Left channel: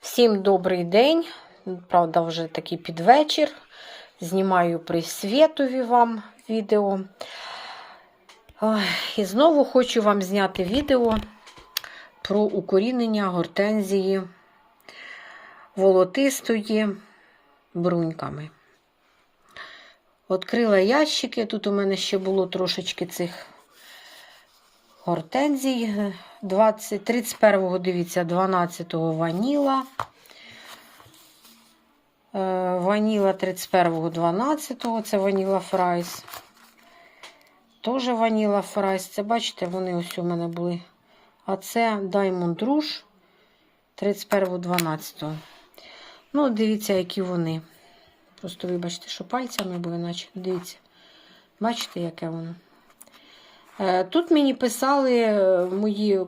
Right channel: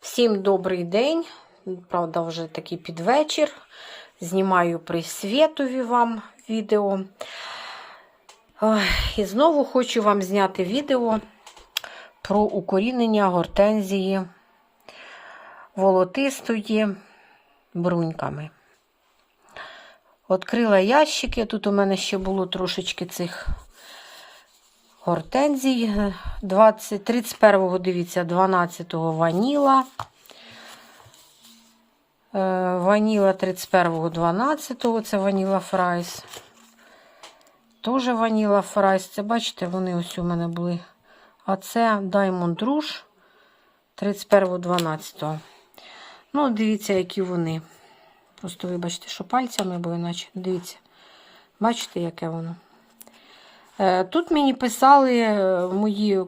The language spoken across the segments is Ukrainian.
Всім добрий день. Правда, вже такий підвечір. Знімаю при світові вам відео. І знову хочу вам зняти відео про укорінення гортензії волотистої бруньками. Открила ящики. Тут у мене ще було трошечки цих гортензій. 31-го, дивіться, 12-го ваніла. Е, Ваніла 31-го, 12-го, це ваніла фрайс. Теж ваніла фрайс. Це, бачите, вони ось у мене були. А це Diamond Rouge 31-го, 12-го. Ну, дивіться, які вони. Просто вибачте, що пальцями, бо іначе. Дивіться. Бачите, яке воно? Е, Тут мені писали е, мої е,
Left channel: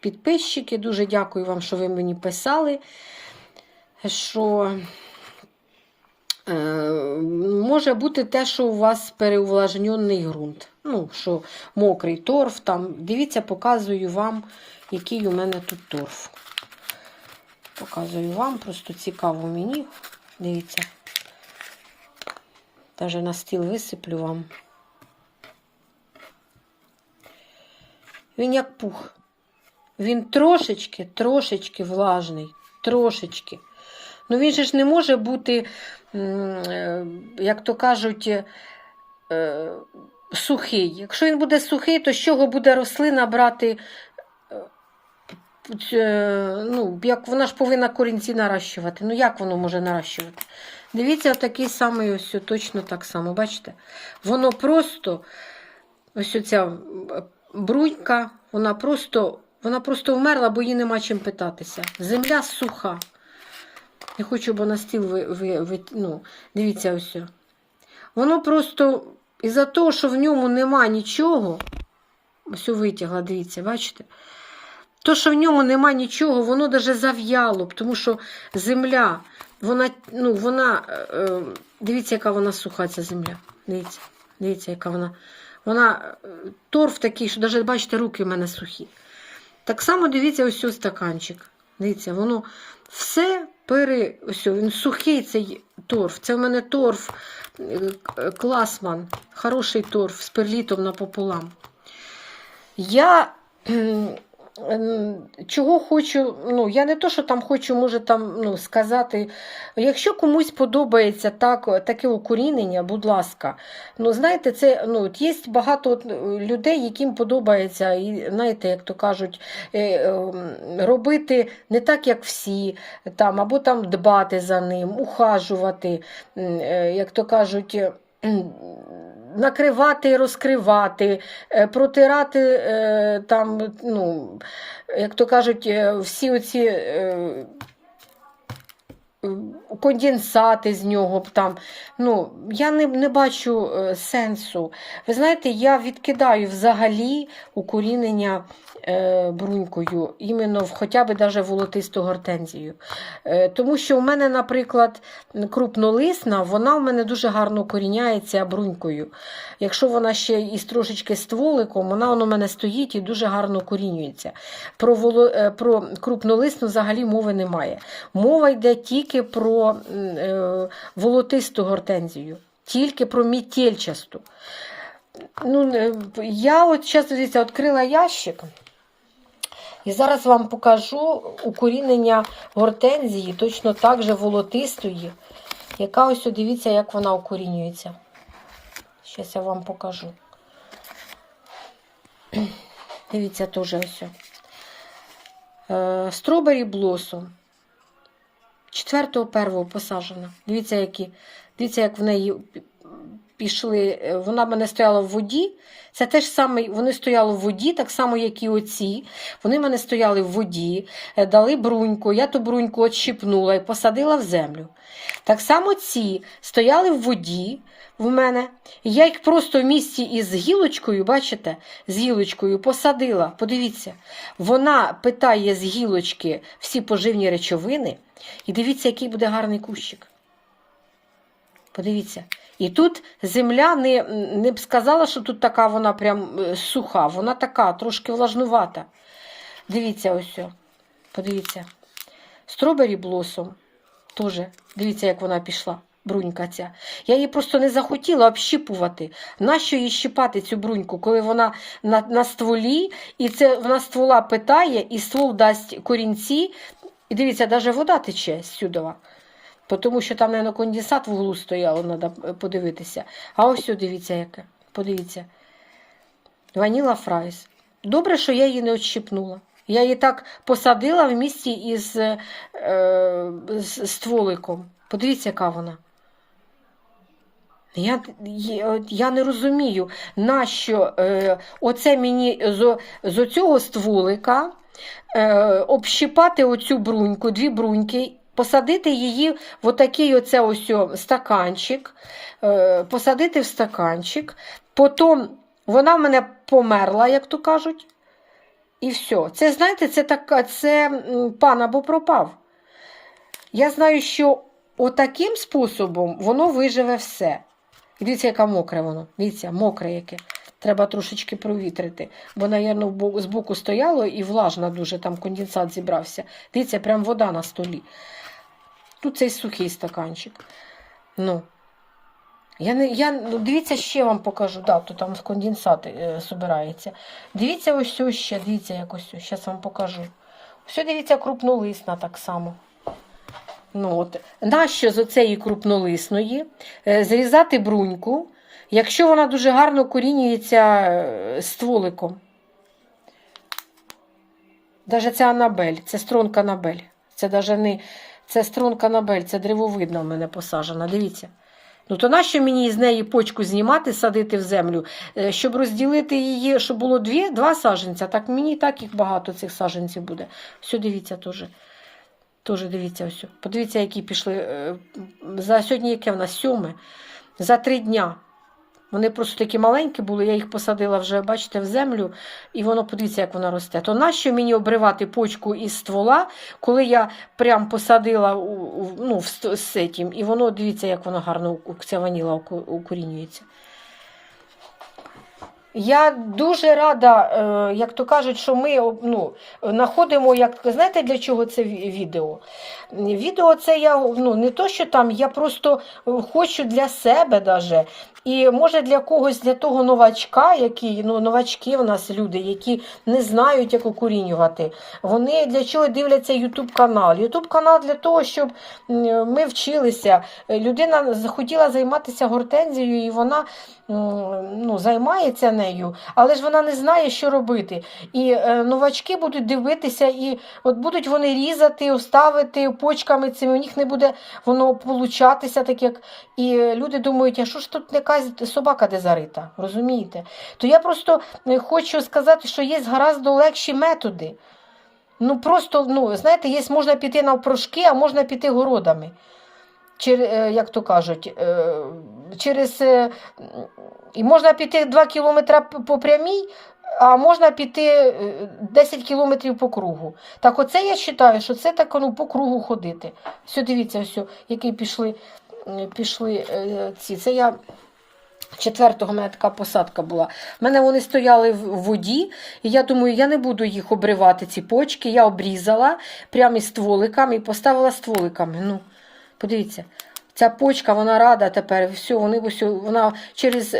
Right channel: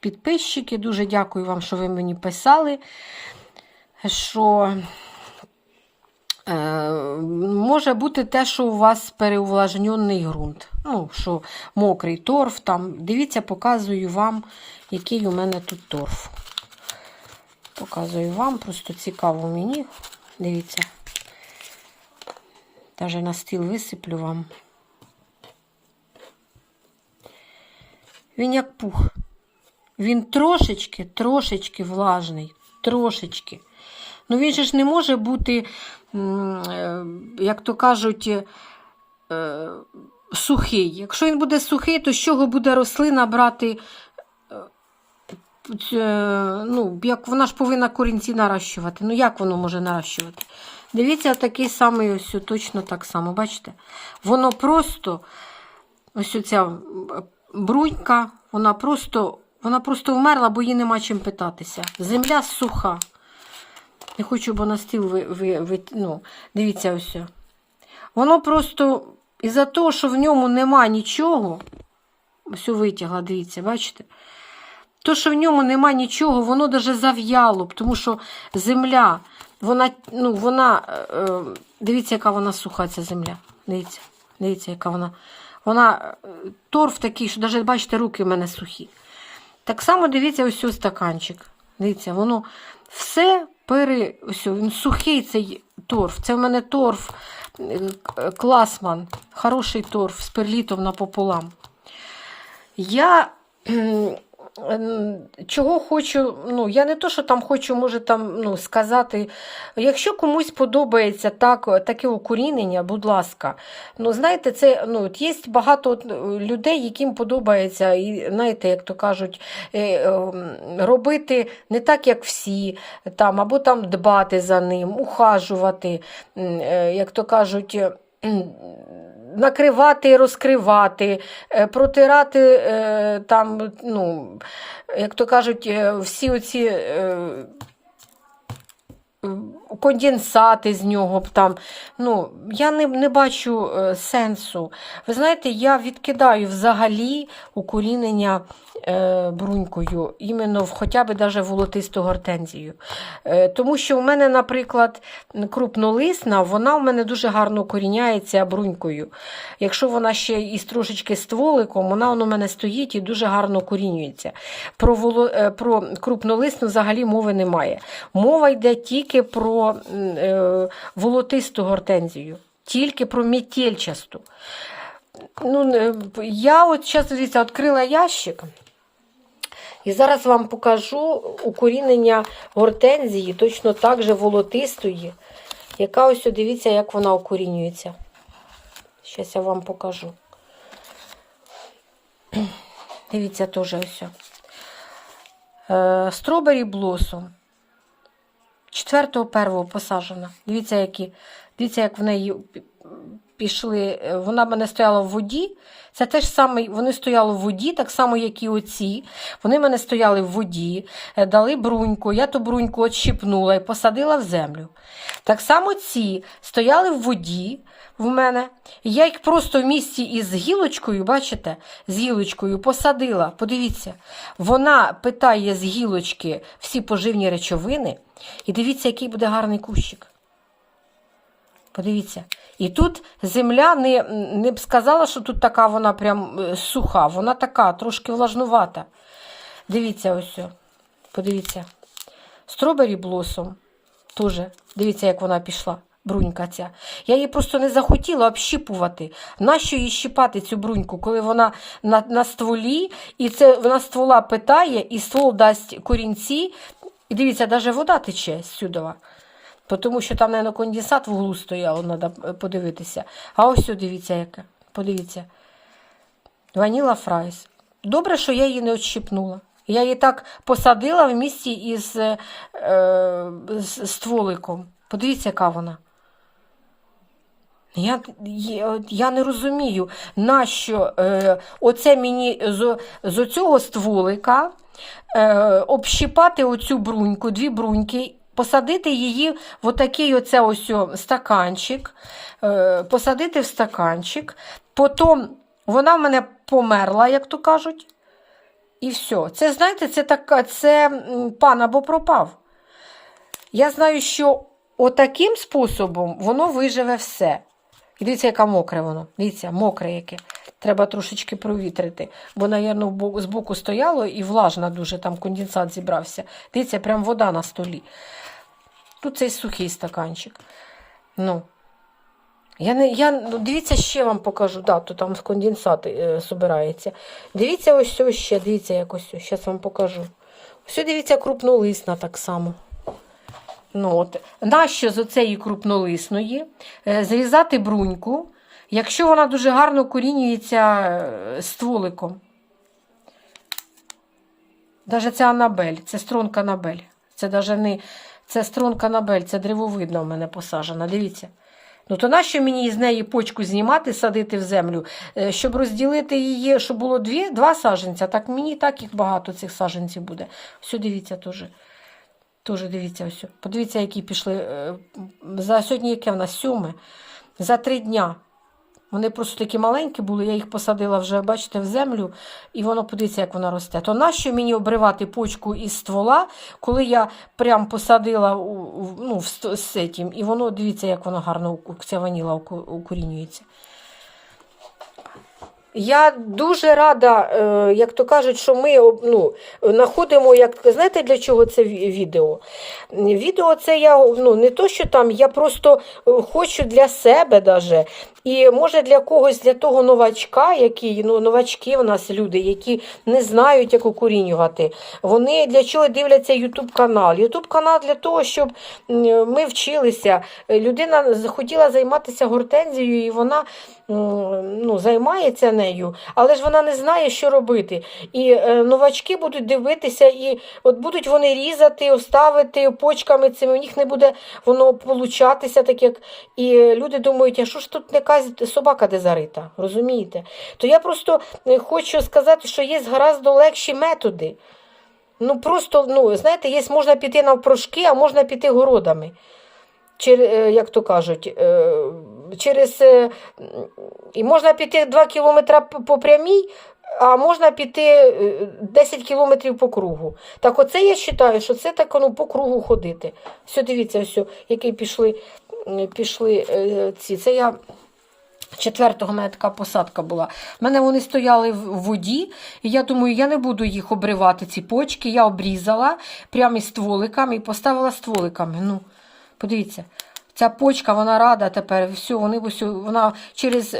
підписчики. Дуже дякую вам, що ви мені писали, що може бути те, що у вас переувлажнений ґрунт. Ну, що мокрий торф. Там. Дивіться, показую вам, який у мене тут торф. Показую вам, просто цікаво мені. Дивіться. Даже на стіл висиплю вам. Він як пух. Він трошечки, трошечки влажний. Трошечки. Ну він же ж не може бути, е, як то кажуть, е, сухий. Якщо він буде сухий, то з чого буде рослина брати? е, Ну, як вона ж повинна корінці наращувати. Ну, як воно може наращувати? Дивіться, такий самий ось точно так само. Бачите? Воно просто ось оця брунька, вона просто, вона просто вмерла, бо їй нема чим питатися. Земля суха. Не хочу, бо на стіл ви, ви, ви, ну, дивіться ось. Воно просто із-за того, що в ньому нема нічого, ось витягла, дивіться, бачите? То, що в ньому нема нічого, воно даже зав'яло, тому що земля, вона, ну, вона, е, дивіться, яка вона суха, ця земля. Дивіться, дивіться, яка вона. Вона е, торф такий, що навіть, бачите, руки в мене сухі. Так само дивіться, ось цей стаканчик. Дивіться, воно все пере. Ось він сухий цей торф. Це в мене торф е, класман, хороший торф з перлітом напополам. Я чого хочу, ну, я не то, що там хочу, може там ну, сказати. Якщо комусь подобається так, таке укорінення, будь ласка. Ну, знаєте, це ну, от є багато людей, яким подобається, і знаєте, як то кажуть, е, е, робити не так, як всі, там, або там дбати за ним, ухажувати, е, як то кажуть. Е, і розкривати, е, протирати е, там, ну, як то кажуть, е, всі оці конденсати з нього там. Ну, я не, не бачу сенсу. Ви знаєте, я відкидаю взагалі укорінення брунькою, іменно в хоча б даже волотисту гортензію. Е, тому що у мене, наприклад, крупнолисна, вона у мене дуже гарно укоріняється брунькою. Якщо вона ще із трошечки стволиком, вона у мене стоїть і дуже гарно укорінюється. Про, воло, е, про крупнолисну взагалі мови немає. Мова йде тільки про е, волотисту гортензію, тільки про мітельчасту. Ну, е, я от зараз відкрила ящик. І зараз вам покажу укорінення гортензії, точно так же волотистої, яка ось дивіться, як вона укорінюється. Зараз я вам покажу. Дивіться теж ось. Стробері блосом. 4 первого посаджена. Дивіться, які. Дивіться, як в неї пішли. е, Вона мене стояла в воді. Це теж саме, вони стояли в воді, так само, як і оці. Вони мене стояли в воді, е, дали бруньку. Я ту бруньку отщипнула і посадила в землю. Так само ці стояли в воді в мене. Я їх просто в місті із гілочкою, бачите, з гілочкою посадила. Подивіться, вона питає з гілочки всі поживні речовини. І дивіться, який буде гарний кущик. Подивіться. І тут земля не, не б сказала, що тут така вона прям е, суха, вона така, трошки влажнувата. Дивіться ось. Подивіться. Стробері блосом. Теж, дивіться, як вона пішла. Брунька ця. Я її просто не захотіла общіпувати. Нащо їй щипати цю бруньку, коли вона на, на стволі, і це вона ствола питає, і ствол дасть корінці. І дивіться, навіть вода тече сюдова. Тому що там, мабуть, конденсат в углу стояло, треба подивитися. А ось сюди, дивіться, яке. Подивіться. Ваніла фрайс. Добре, що я її не відщипнула. Я її так посадила в місті із е, з стволиком. Подивіться, яка вона. Я, я, не розумію, нащо е, оце мені з, з оцього стволика е, общипати оцю бруньку, дві бруньки, посадити її в отакий оце ось стаканчик, е, посадити в стаканчик, потім вона в мене померла, як то кажуть. І все. Це, знаєте, це така, це пан або пропав. Я знаю, що отаким способом воно виживе все. І дивіться, яка мокре воно. Дивіться, мокре яке. Треба трошечки провітрити. Бо, напевно, збоку стояло і влажна дуже, там конденсат зібрався. Дивіться, прям вода на столі. Тут цей сухий стаканчик. Ну. Я не, я, ну, дивіться, ще вам покажу. Да, то там конденсат е, собирається. Дивіться, ось ось ще, дивіться, як ось. Зараз вам покажу. Ось дивіться, крупнолисна так само. Ну, от. Нащо з оцеї крупнолисної е, зрізати бруньку, якщо вона дуже гарно корінюється е, стволиком. Даже це Анабель, це стронка Анабель. Це даже не це стронка Анабель, це древовидна в мене посаджена. Дивіться. Ну, то нащо мені з неї почку знімати, садити в землю, Е, щоб розділити її, щоб було дві, два саженця, так мені так їх багато цих саженців буде. Все, дивіться теж. Тоже дивіться, ось. Подивіться, які пішли. е, За сьогодні яке в нас сьоме. За три дня. Вони просто такі маленькі були, я їх посадила вже, бачите, в землю, і воно подивіться, як воно росте. То нащо мені обривати почку із ствола, коли я прям посадила ну, в цим, і воно, дивіться, як воно гарно ця ваніла укорінюється. Я дуже рада, е, як то кажуть, що ми ну, знаходимо, як знаєте, для чого це відео? Відео це я ну, не то, що там, я просто е, хочу для себе даже. І може для когось, для того новачка, який, ну, новачки в нас люди, які не знають, як укорінювати. Вони для чого дивляться YouTube канал? YouTube канал для того, щоб ми вчилися. Людина захотіла займатися гортензією, і вона ну, займається нею, але ж вона не знає, що робити. І е, новачки будуть дивитися, і от будуть вони різати, ставити почками цими, у них не буде воно получатися, так як і люди думають, а що ж тут якась собака де зарита, розумієте? То я просто е, хочу сказати, що є гораздо легші методи. Ну просто, ну, знаєте, є, можна піти навпрошки, а можна піти городами. Е, як то кажуть, е, через, е, і можна піти 2 кілометри по прямій, а можна піти е, 10 кілометрів по кругу. Так оце я вважаю, що це так ну, по кругу ходити. Все, дивіться, все, які пішли, е, пішли е, ці. Це я Четвертого мене така посадка була. У мене вони стояли в воді, і я думаю, я не буду їх обривати, ці почки. Я обрізала прямо із стволиками і поставила стволиками. Ну, подивіться, ця почка, вона рада тепер. Все, вони, вона через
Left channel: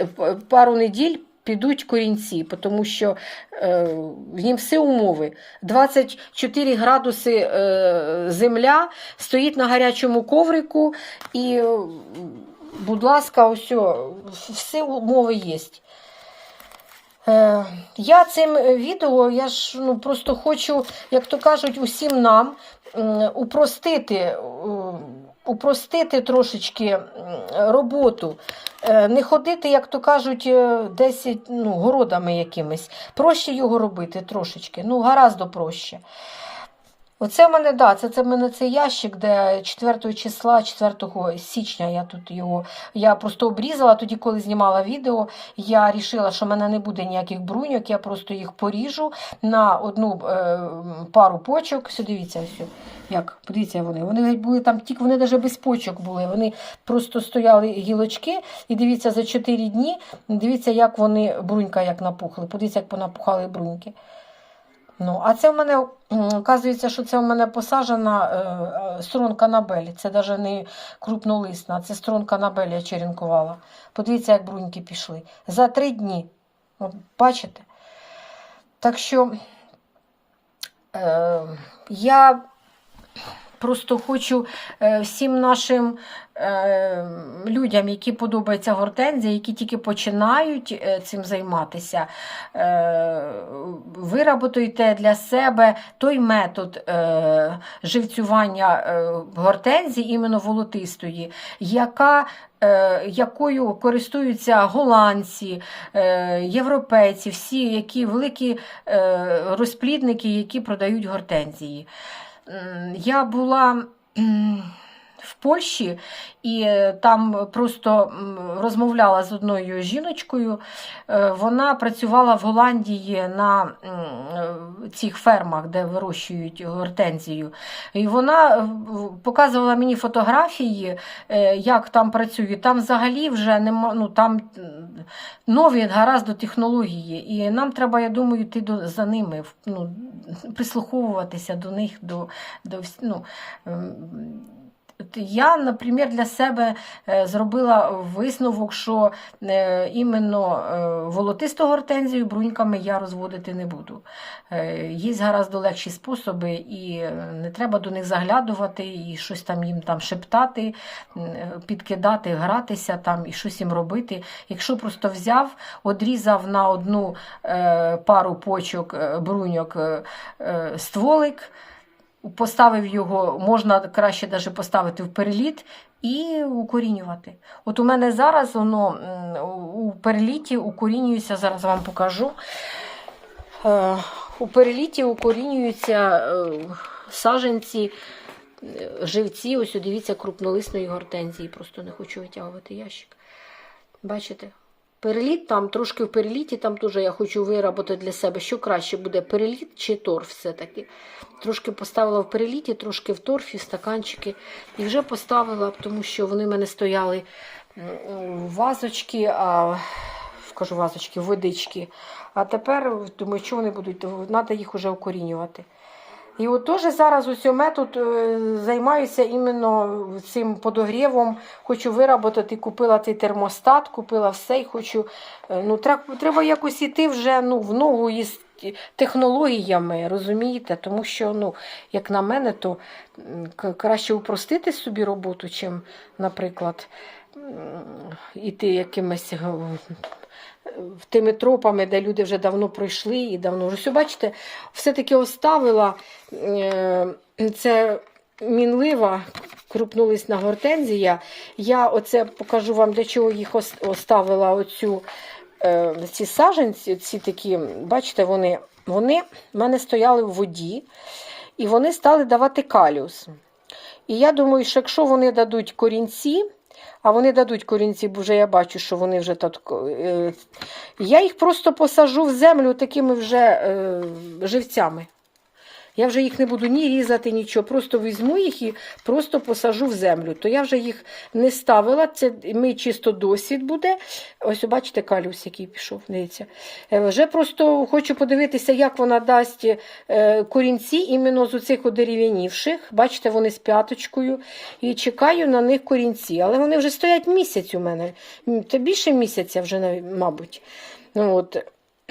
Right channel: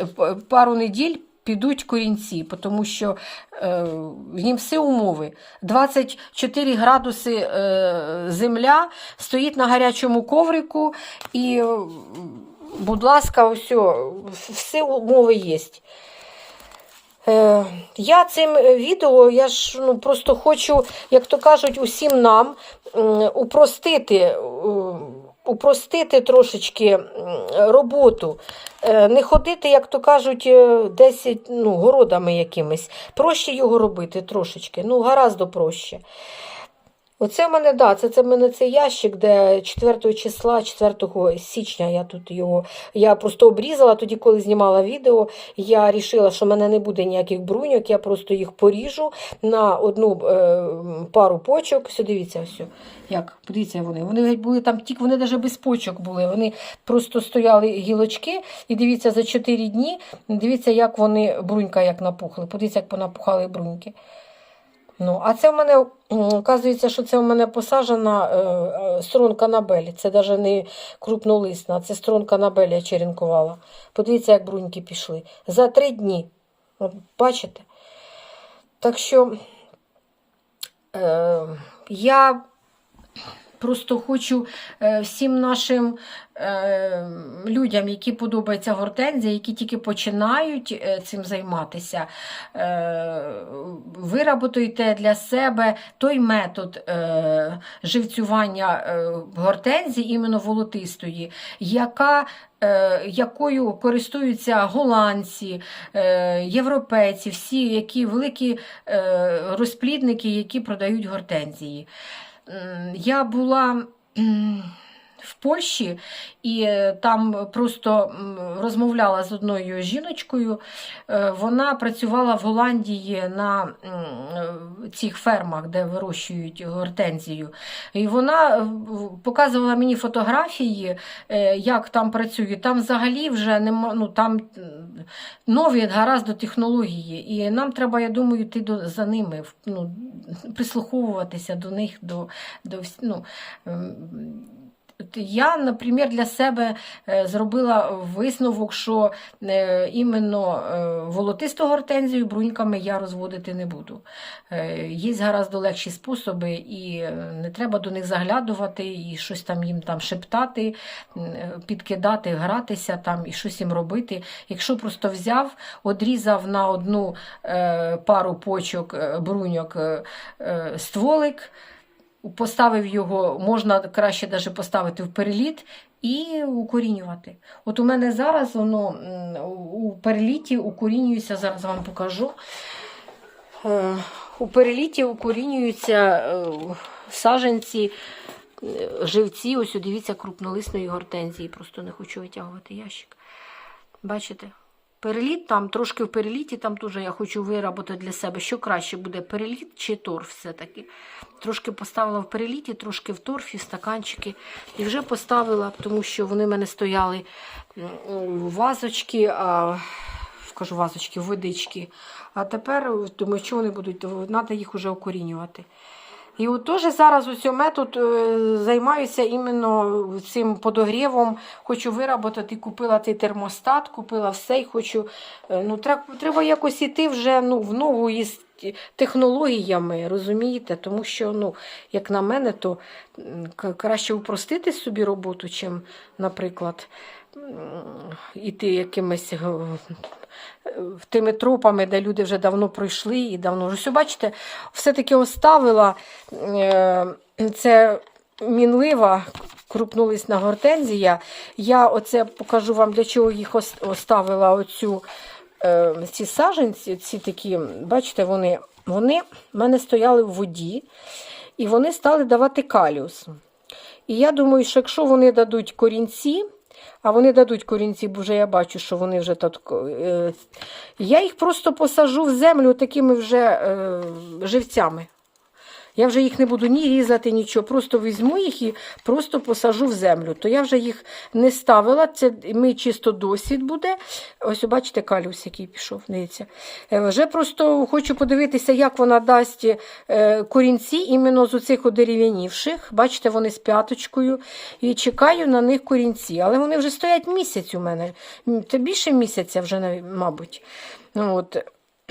пару неділь підуть корінці, тому що е, нім всі умови. 24 градуси е, земля, стоїть на гарячому коврику і. е, Будь ласка, ось, всі умови є. Е, я цим відео, я ж ну, просто хочу, як то кажуть, усім нам м, упростити, м, упростити трошечки роботу. Е, Не ходити, як то кажуть, е, десь ну, городами якимись. Проще його робити трошечки, ну, гораздо проще. Оце в мене, да, це, це в мене цей ящик, де 4 числа, 4 січня я тут його. Я просто обрізала тоді, коли знімала відео. Я вирішила, що в мене не буде ніяких бруньок, я просто їх поріжу на одну е, пару почок. Все, дивіться, все. Як, подивіться вони. Вони були там тільки, вони навіть без почок були. Вони просто стояли гілочки, і дивіться, за 4 дні, дивіться, як вони брунька як напухли. Подивіться, як понапухали бруньки. Ну, а це в мене, оказується, що це в мене посаджена е, е, струнка набелі. Це навіть не крупнолисна, це струнка набелі я черенкувала. Подивіться, як бруньки пішли. За три дні. От, бачите? Так що е, я просто хочу е, всім нашим е, людям, які подобаються гортензія, які тільки починають е, цим займатися, е, виработуйте для себе той метод живцювання гортензії, іменно волотистої, яка якою користуються голландці, європейці, всі які великі розплідники, які продають гортензії. Я була Польщі і е, там просто розмовляла з одною жіночкою. Е, Вона працювала в Голландії на е, цих фермах, де вирощують гортензію. І вона показувала мені фотографії, як там працює. Там взагалі вже нема, ну там нові гаразд технології. І нам треба, я думаю, йти до, за ними, ну, прислуховуватися до них, до, до ну, ем, Я, наприклад, для себе е, зробила висновок, що е, іменно е, волотисту гортензію бруньками я розводити не буду. Є гаразд легші способи, і не треба до них заглядувати, і щось там їм там шептати, підкидати, гратися там і щось їм робити. Якщо просто взяв, одрізав на одну пару почок бруньок стволик, поставив його, можна краще даже поставити в переліт і укорінювати. От у мене зараз воно у переліті укорінюється, зараз вам покажу. Е, У переліті укорінюються е, саженці, е, живці, ось дивіться, крупнолисної гортензії. Просто не хочу витягувати ящик. Бачите? Переліт там, трошки в переліті, там теж я хочу виробити для себе, що краще буде, переліт чи торф все-таки. Трошки поставила в переліті, трошки в торфі, стаканчики. І вже поставила, тому що вони в мене стояли вазочки, а кажу вазочки, водички. А тепер думаю, що вони будуть, треба їх вже укорінювати. І от теж зараз ось метод е, займаюся іменно цим подогрівом. Хочу виробити, купила цей термостат, купила все і хочу. е, Ну, треба якось іти вже ну, в ногу із технологіями, розумієте? Тому що, ну, як на мене, то краще упростити собі роботу, чим, наприклад, іти якимись. Тими тропами, де люди вже давно пройшли і давно. Ось, бачите, все-таки оставила е, це мінлива крупнолисна гортензія. Я оце покажу вам, для чого їх оставила оцю, е, ці саженці, ці такі, бачите, вони, вони в мене стояли в воді, і вони стали давати каліус. І я думаю, що якщо вони дадуть корінці, а вони дадуть корінці, бо вже я бачу, що вони вже так. е, Я їх просто посажу в землю такими вже е, живцями. Я вже їх не буду ні різати, нічого. Просто візьму їх і просто посажу в землю. То я вже їх не ставила. Це мій чисто досвід буде. Ось, бачите, калюс, який пішов. Дивіться. Е, Вже просто хочу подивитися, як вона дасть е, корінці іменно з оцих одерев'янівших. Бачите, вони з п'яточкою. І чекаю на них корінці. Але вони вже стоять місяць у мене. Це більше місяця вже, мабуть. Ну, от.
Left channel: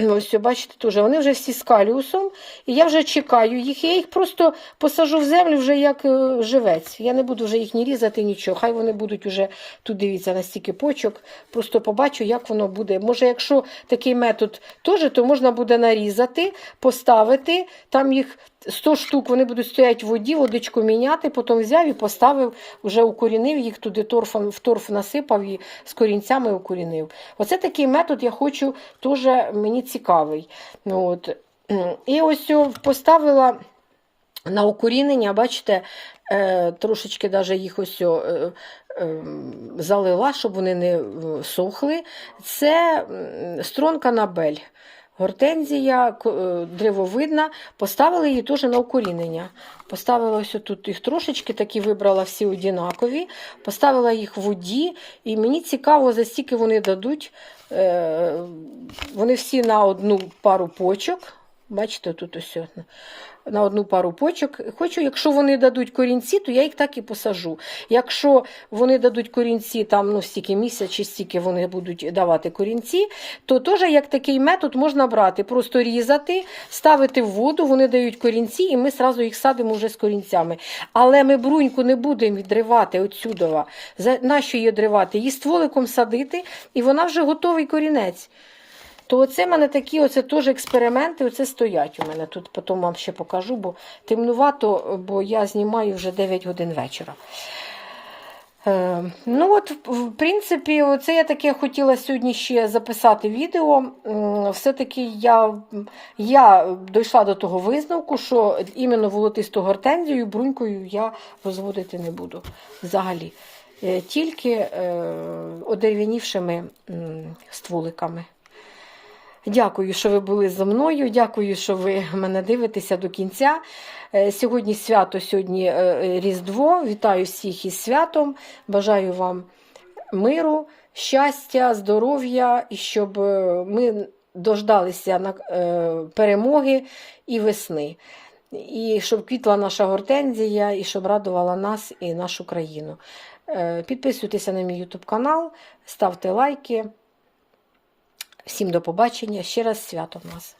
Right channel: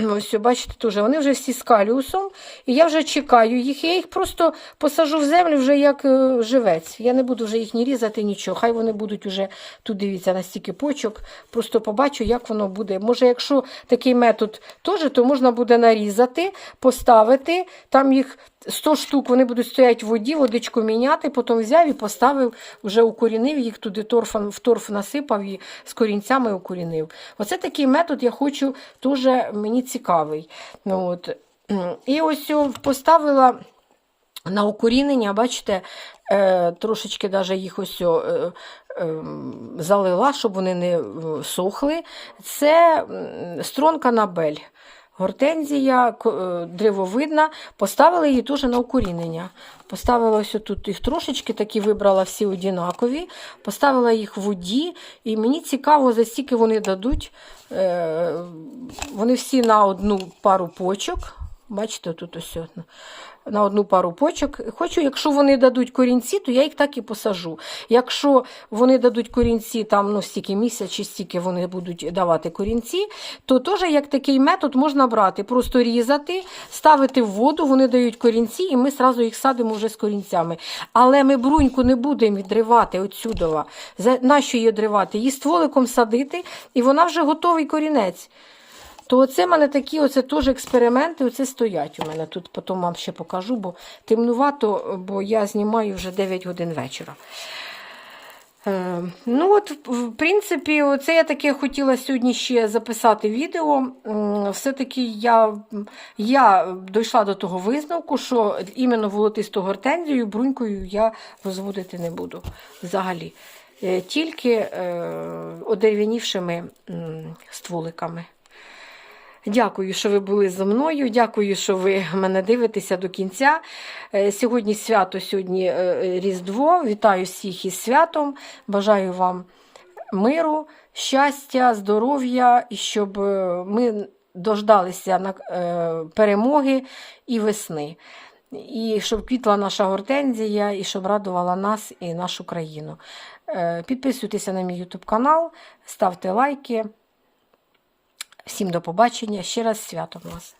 Ось, бачите, теж вони вже всі з каліусом, і я вже чекаю їх. Я їх просто посажу в землю вже як е, живець. Я не буду вже їх ні різати, нічого. Хай вони будуть вже тут дивіться настільки почок. Просто побачу, як воно буде. Може, якщо такий метод теж, то можна буде нарізати, поставити. Там їх 100 штук, вони будуть стояти в воді, водичку міняти, потім взяв і поставив, вже укорінив їх туди торфом, в торф насипав і з корінцями укорінив. Оце такий метод я хочу, теж мені цікавий. Ну, от. І ось поставила на укорінення, бачите, е, трошечки даже їх ось е, е, залила, щоб вони не сохли. Це стронка набель. Гортензія е, древовидна, поставила її дуже на укорінення. Поставила ось тут їх трошечки, такі вибрала всі однакові, поставила їх в воді, і мені цікаво, за стільки вони дадуть. Е, Вони всі на одну пару почок. Бачите, тут ось. На одну пару почок. Хочу, якщо вони дадуть корінці, то я їх так і посажу. Якщо вони дадуть корінці, там ну, стільки місяць чи стільки вони будуть давати корінці, то теж як такий метод можна брати, просто різати, ставити в воду, вони дають корінці, і ми зразу їх садимо вже з корінцями. Але ми бруньку не будемо відривати отсюдова. За нащо її відривати? Її стволиком садити, і вона вже готовий корінець. То оце в мене такі оце теж експерименти, оце стоять у мене. Тут потім вам ще покажу, бо темнувато, бо я знімаю вже 9 годин вечора. Е, ну от, в принципі, оце я таке хотіла сьогодні ще записати відео. Все-таки я, я дійшла до того висновку, що іменно волотисту гортензію брунькою я розводити не буду взагалі. Е, Тільки е, одерев'янівшими стволиками. Дякую, що ви були зі мною. Дякую, що ви мене дивитеся до кінця. Е, Сьогодні свято, сьогодні е, е, Різдво. Вітаю всіх із святом. Бажаю вам миру, щастя, здоров'я і щоб ми дождалися на перемоги і весни. І щоб квітла наша гортензія, і щоб радувала нас і нашу країну. Підписуйтеся на мій YouTube канал, ставте лайки. Всім до побачення. Ще раз свято в вас.